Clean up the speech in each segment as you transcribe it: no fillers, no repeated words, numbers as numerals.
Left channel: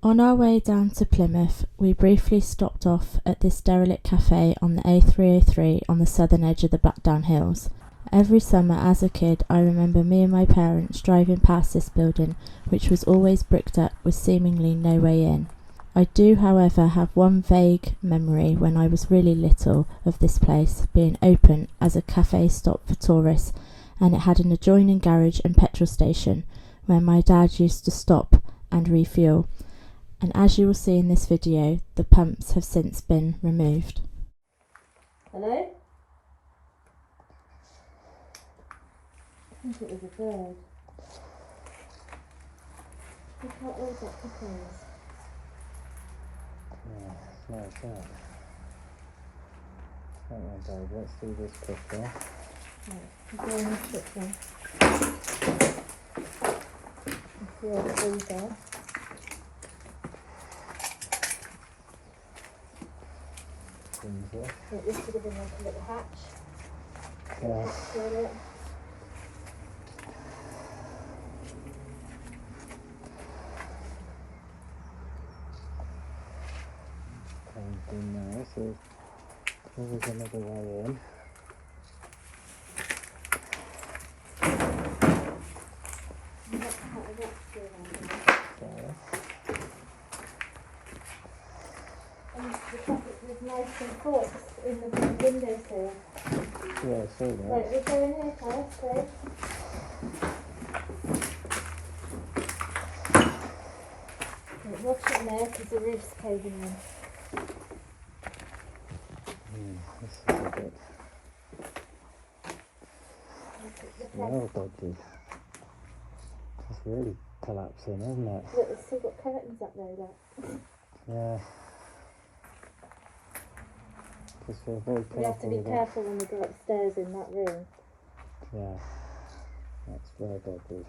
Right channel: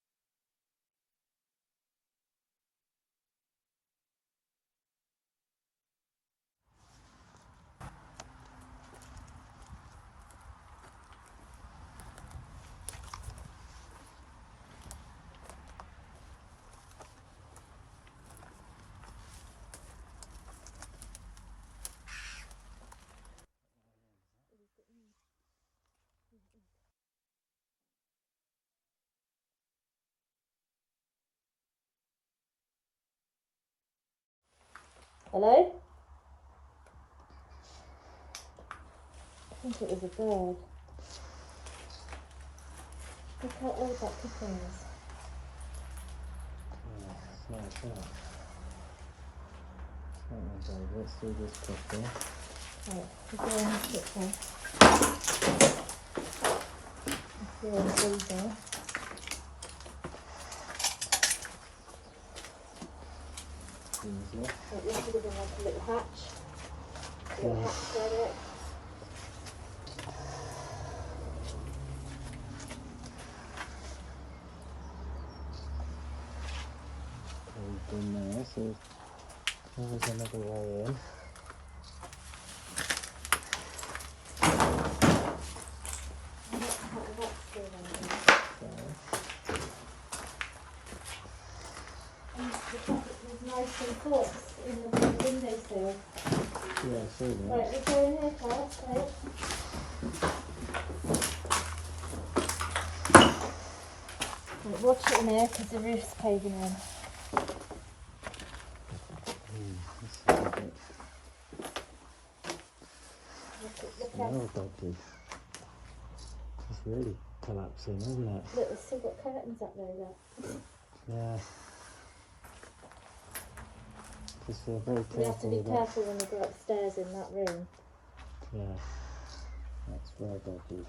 On our way down to Plymouth, we briefly stopped off at this derelict cafe on the A303 on the southern edge of the Blackdown Hills. Every summer as a kid, I remember me and my parents driving past this building, which was always bricked up with seemingly no way in. I do, however, have one vague memory when I was really little of this place being open as a cafe stop for tourists, and it had an adjoining garage and petrol station where my dad used to stop and refuel. And as you will see in this video, the pumps have since been removed. Hello? I think it was a bird. Look how old that couple is. Yeah, it's nice, isn't it? Don't worry, babe. Let's do this quickly. Right, we're doing this quickly. It's really easy. Easier. So this would have been like a little hatch. Yeah. Hatch through it. We've been there, so there was another way in. In the windowsill. Yeah, I saw that. Right, we're going here first, so. Watch it in there because the roof's caving in. This is a bit smell dodgy. It's really collapsing, isn't it? Look, it's still got curtains up there, look. Yeah. Just feel very You have to careful be with that. careful when you go upstairs in that room. Yeah. That's very dodgy.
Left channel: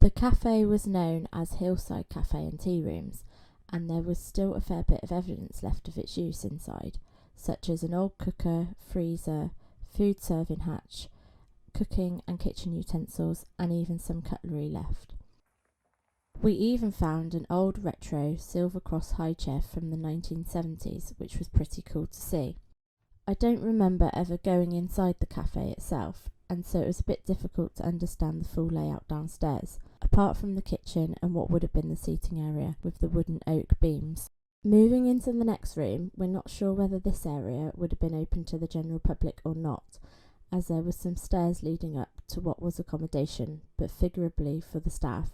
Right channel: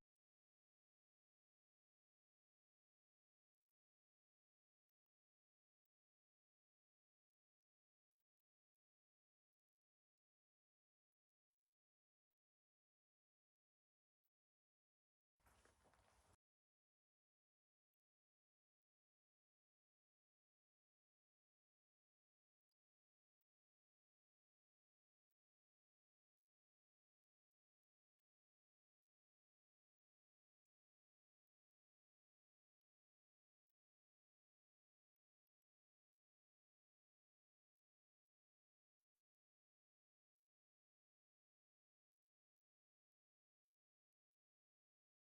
The cafe was known as Hillside Cafe and Tea Rooms, and there was still a fair bit of evidence left of its use inside, such as an old cooker, freezer, food serving hatch, cooking and kitchen utensils, and even some cutlery left. We even found an old retro Silver Cross high chair from the 1970s, which was pretty cool to see. I don't remember ever going inside the cafe itself, and so it was a bit difficult to understand the full layout downstairs, apart from the kitchen and what would have been the seating area with the wooden oak beams. Moving into the next room, we're not sure whether this area would have been open to the general public or not, as there was some stairs leading up to what was accommodation, but figuratively for the staff,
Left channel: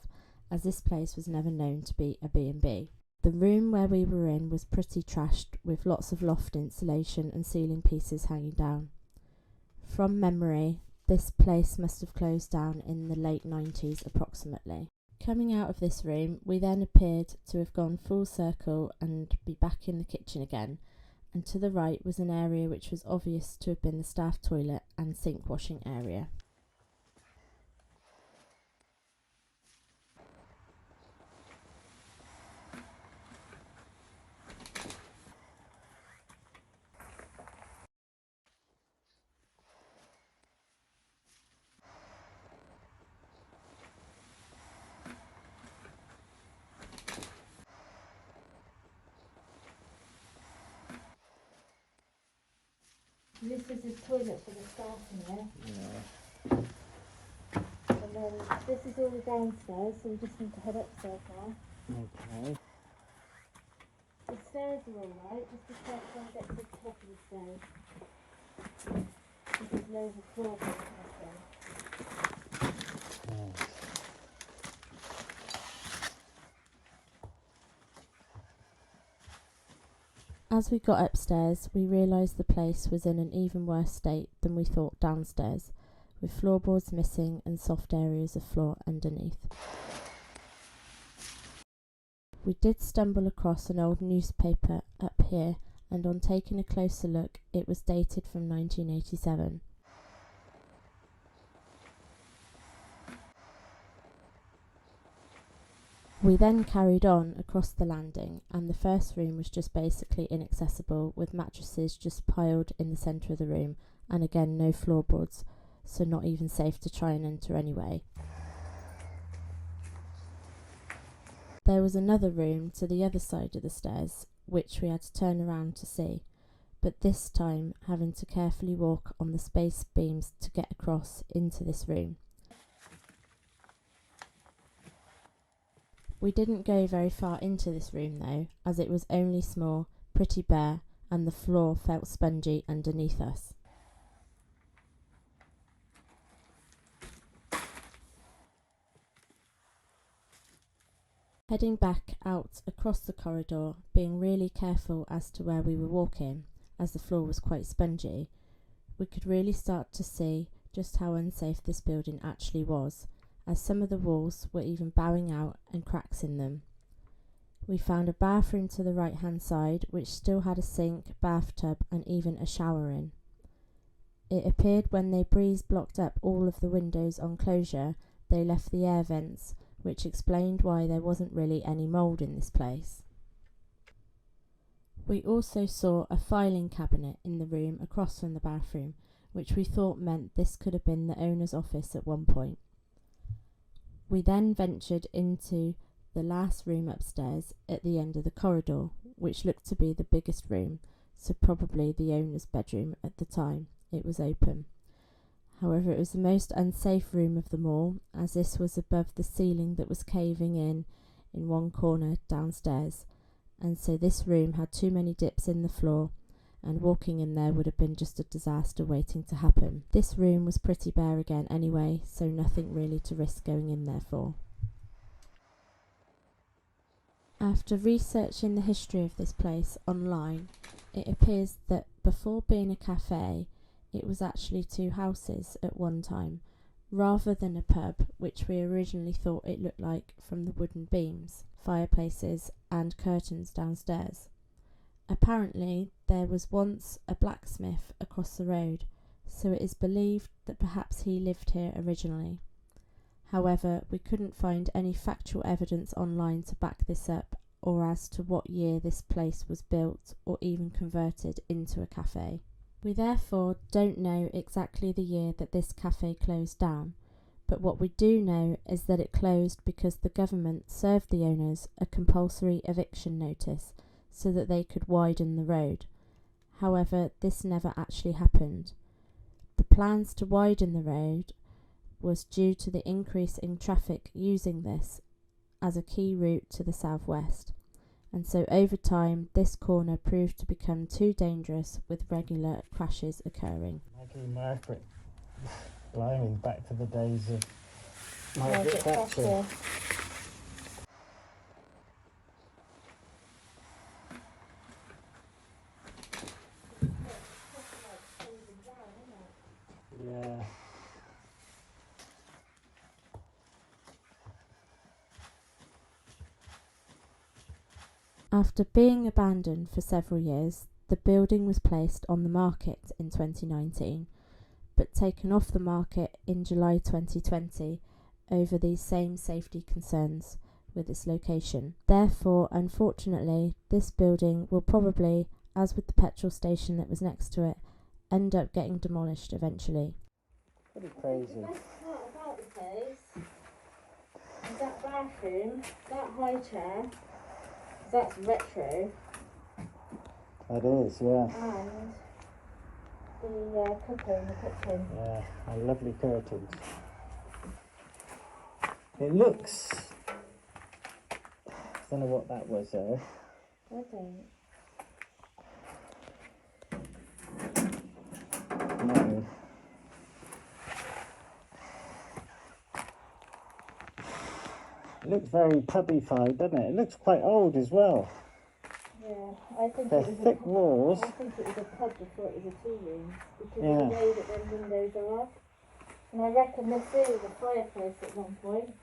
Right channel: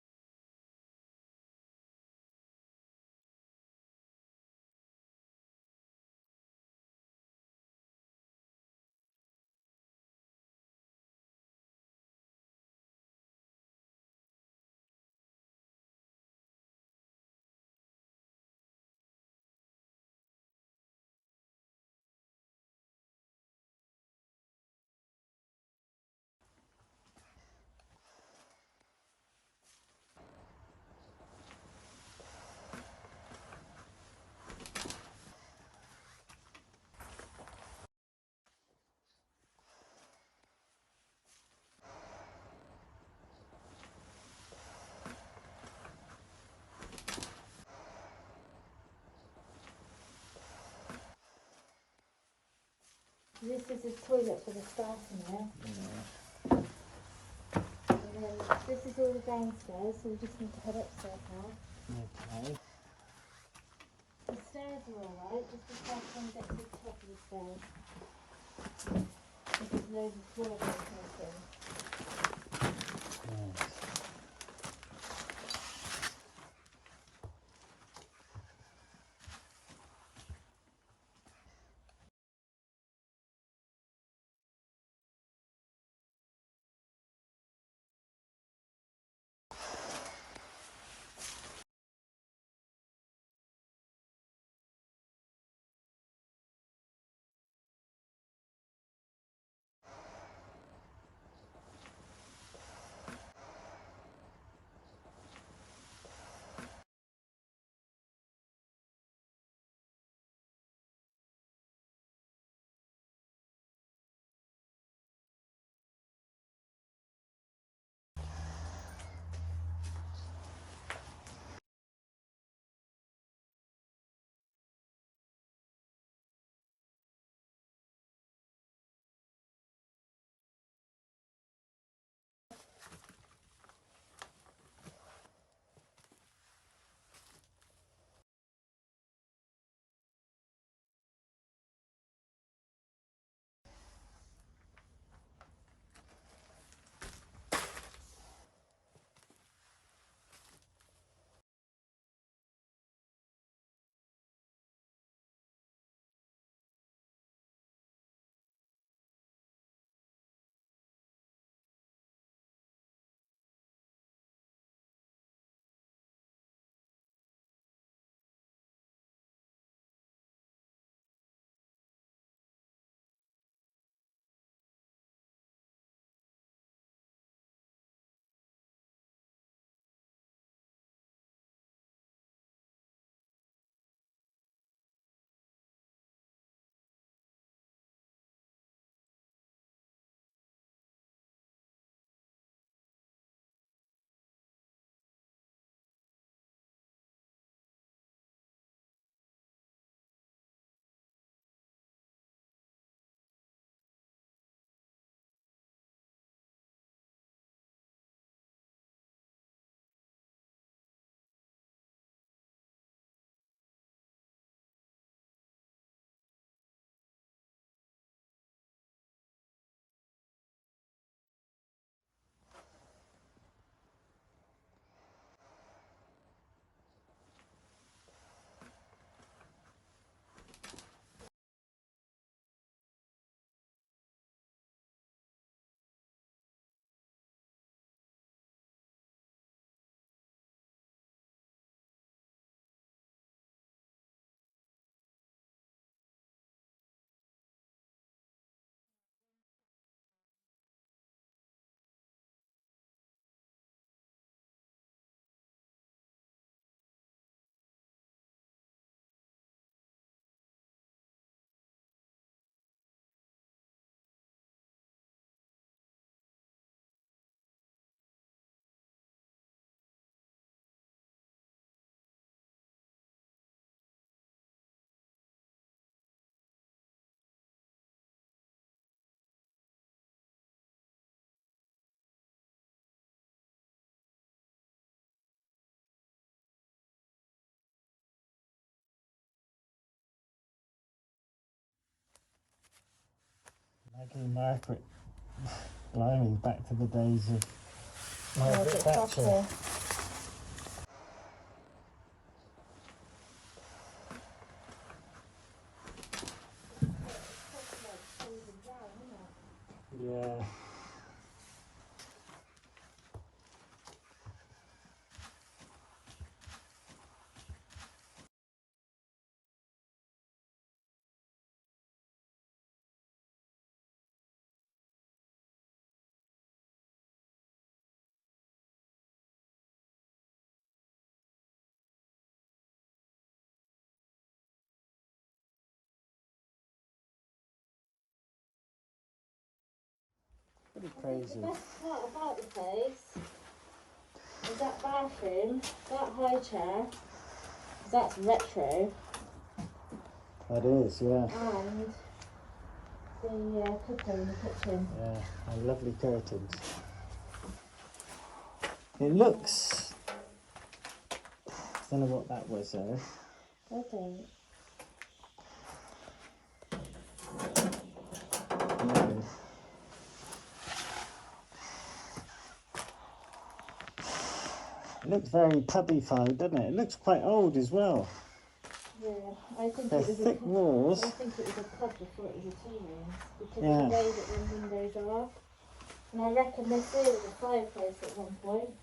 as this place was never known to be a B&B. The room where we were in was pretty trashed, with lots of loft insulation and ceiling pieces hanging down. From memory, this place must have closed down in the late 90s approximately. Coming out of this room, we then appeared to have gone full circle and be back in the kitchen again, and to the right was an area which was obvious to have been the staff toilet and sink washing area. This is his toilet for the staff in there. Yeah. And then this is all the downstairs, so we just need to head upstairs now. Okay. The stairs are alright, just be careful when you get to the top of the stairs. There's loads of floorboards and everything. Yeah. As we got upstairs, we realised the place was in an even worse state than we thought downstairs, with floorboards missing and soft areas of floor underneath. We did stumble across an old newspaper up here, and on taking a closer look, it was dated from 1987. We then carried on across the landing, and the first room was just basically inaccessible, with mattresses just piled in the centre of the room, and again no floorboards, so not even safe to try and enter anyway. There was another room to the other side of the stairs, which we had to turn around to see, but this time having to carefully walk on the space beams to get across into this room. We didn't go very far into this room though, as it was only small, pretty bare, and the floor felt spongy underneath us. Heading back out across the corridor, being really careful as to where we were walking, as the floor was quite spongy, we could really start to see just how unsafe this building actually was, as some of the walls were even bowing out and cracks in them. We found a bathroom to the right hand side which still had a sink, bathtub and even a shower in. It appeared when they breeze blocked up all of the windows on closure, they left the air vents, which explained why there wasn't really any mould in this place. We also saw a filing cabinet in the room across from the bathroom, which we thought meant this could have been the owner's office at one point. We then ventured into the last room upstairs at the end of the corridor, which looked to be the biggest room, so probably the owner's bedroom at the time it was open. However, it was the most unsafe room of them all, as this was above the ceiling that was caving in one corner downstairs, and so this room had too many dips in the floor, and walking in there would have been just a disaster waiting to happen. This room was pretty bare again anyway, so nothing really to risk going in there for. After researching the history of this place online, it appears that before being a cafe, it was actually two houses at one time, rather than a pub, which we originally thought it looked like from the wooden beams, fireplaces and curtains downstairs. Apparently, there was once a blacksmith across the road, so it is believed that perhaps he lived here originally. However, we couldn't find any factual evidence online to back this up, or as to what year this place was built or even converted into a cafe. We therefore don't know exactly the year that this cafe closed down, but what we do know is that it closed because the government served the owners a compulsory eviction notice so that they could widen the road. However, this never actually happened. The plans to widen the road was due to the increase in traffic using this as a key route to the southwest, and so over time this corner proved to become too dangerous with regular crashes occurring. Maggie Margaret, blimey, back to the days of Margaret Thatcher. Yeah. After being abandoned for several years, the building was placed on the market in 2019, but taken off the market in July 2020 over these same safety concerns with its location. Therefore, unfortunately, this building will probably, as with the petrol station that was next to it, end up getting demolished eventually. Pretty crazy. The best part about the place is that bathroom, that high chair, that's retro, That is, yeah. and the cooker in the kitchen. Yeah, and lovely curtains. It looks... I don't know what that was there. I don't. No. It looks very pubbified, doesn't it? It looks quite old as well. Yeah, I think They're it was thick walls. I think it was a pub before it was a tea room, because Yeah. of the way that those windows are. And I reckon this here was a fireplace at one point.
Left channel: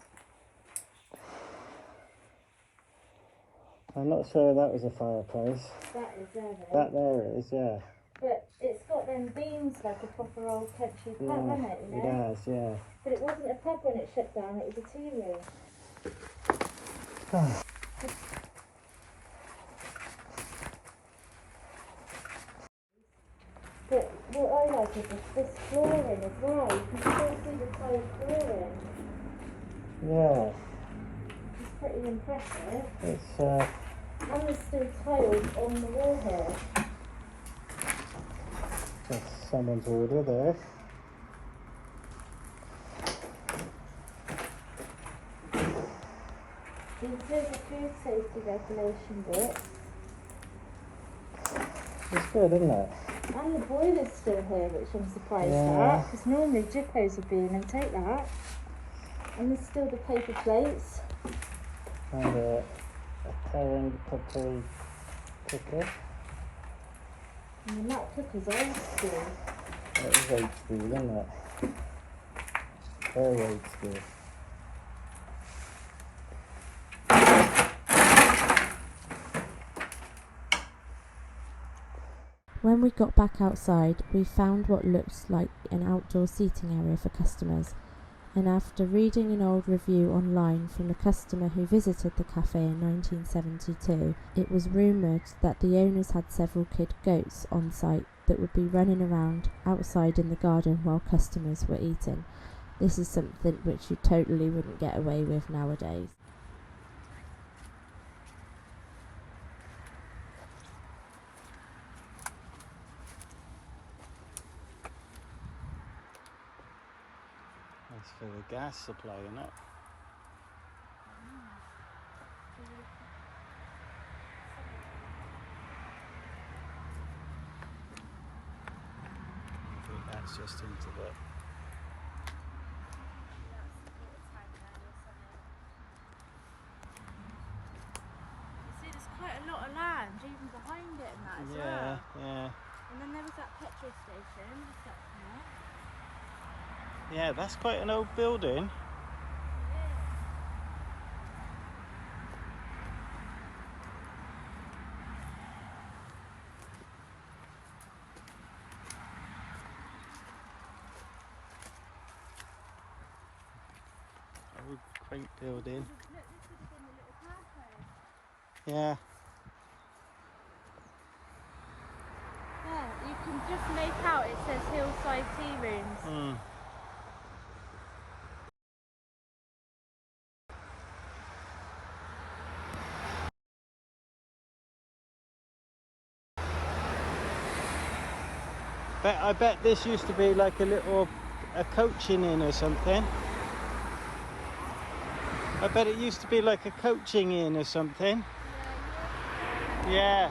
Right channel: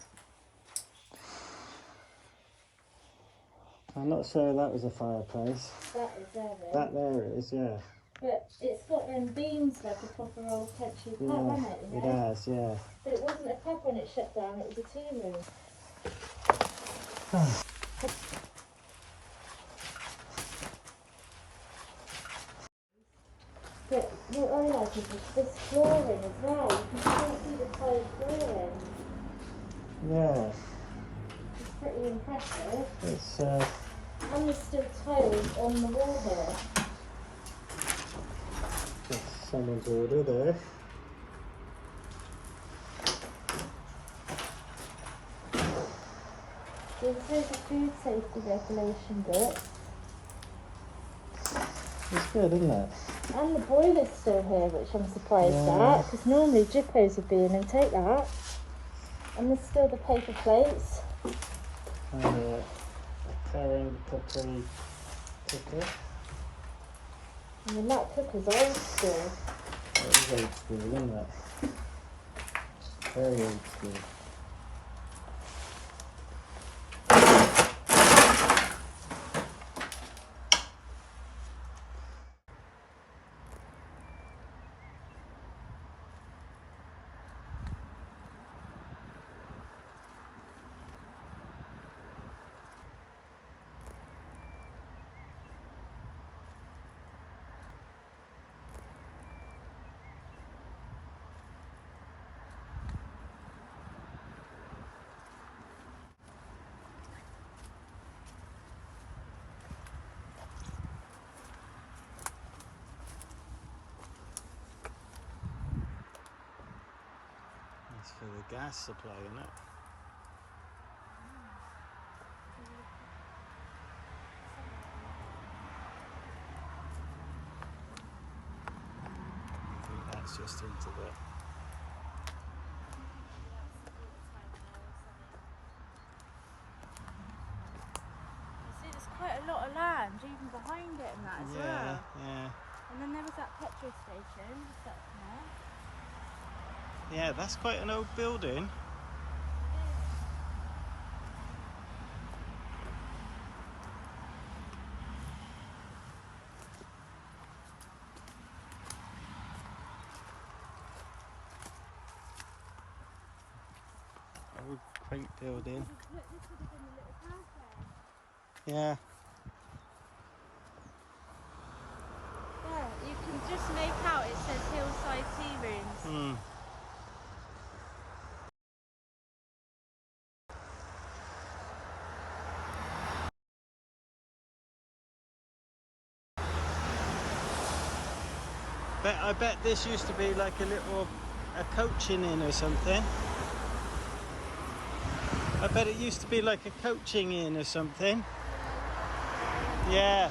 I'm not sure that was a fireplace. That is there though. That there is, yeah. But it's got them beams like a proper old country pub, Yeah, hasn't it? it has, yeah. But it wasn't a pub when it shut down, it was a tea room. But what I like is this flooring as well. You can still see the tiled flooring. Yeah. It's pretty impressive. It's And there's still tiles on the wall here. that's someone's order there. There's a food safety regulation bit. It's good, isn't it? And the boiler's still here, which I'm surprised Yeah. at, because normally Jippos would be in and take that. And there's still the paper plates. And a Italian cookery cooker. And the nut cooker's old school. It is old school, isn't it? Very old school. When we got back outside, we found what looked like an outdoor seating area for customers, and after reading an old review online from a customer who visited the cafe in 1972, it was rumoured that the owners had several kid goats on site that would be running around outside in the garden while customers were eating. This is something which you totally wouldn't get away with nowadays. That's for the gas supply, isn't it? I think that's just into the... See, there's quite a lot of land even behind it and that as well. Yeah, yeah. And then there was that petrol station. What's that now? Yeah, that's quite an old building. Old quaint building. Look, this would have been a little cafe. Yeah. Yeah, you can just make out it says Hillside Tea Rooms. Hmm. I bet this used to be like a coaching inn or something. I bet it used to be like a coaching inn or something. Yeah.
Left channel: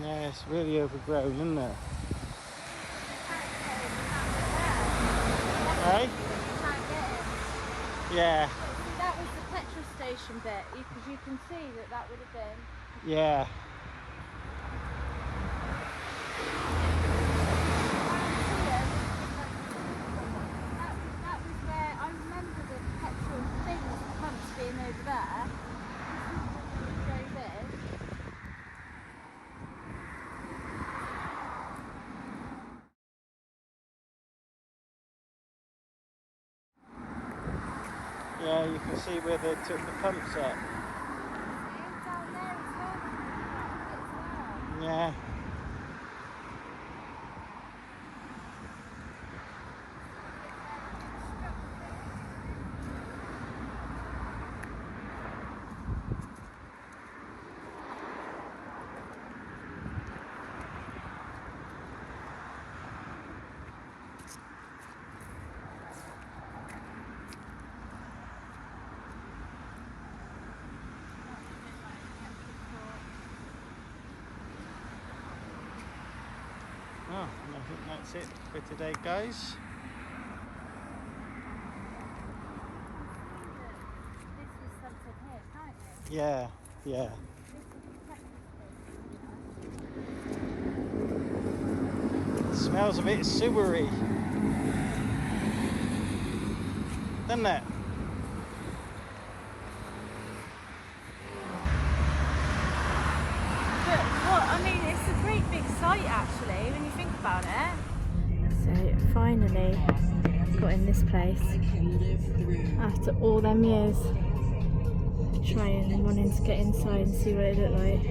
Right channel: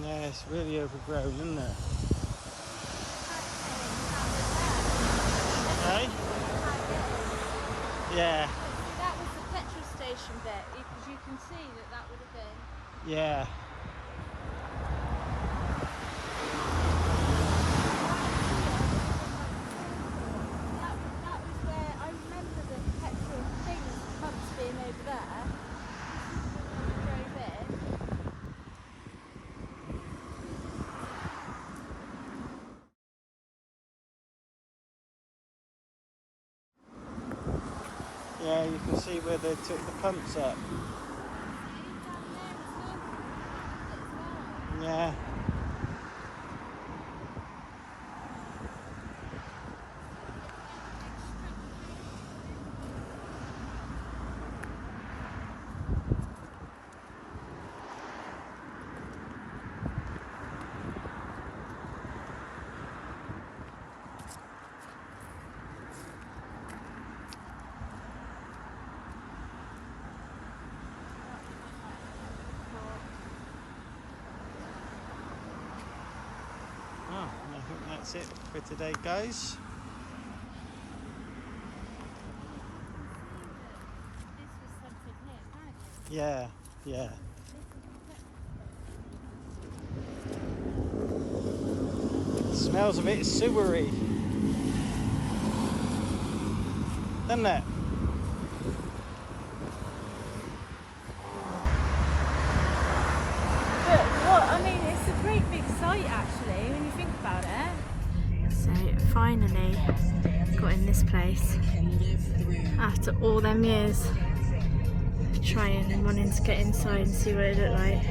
Yeah, it's really overgrown, isn't it? Hey? Yeah. That was the petrol station bit, because you can see that would have been. Yeah. That was where I remember the petrol thing was once being over there. This is where we drove in. Yeah, you can see where they took the pumps up. See, down there as well, the as well. Yeah. Oh, I think that's it for today, guys. This was something here, can't it? Yeah, yeah. Smells a bit sewery, doesn't it? I mean, it's a great big site actually, when you think about it. So finally got in this place after all them years trying and wanting to get inside and see what it looked like.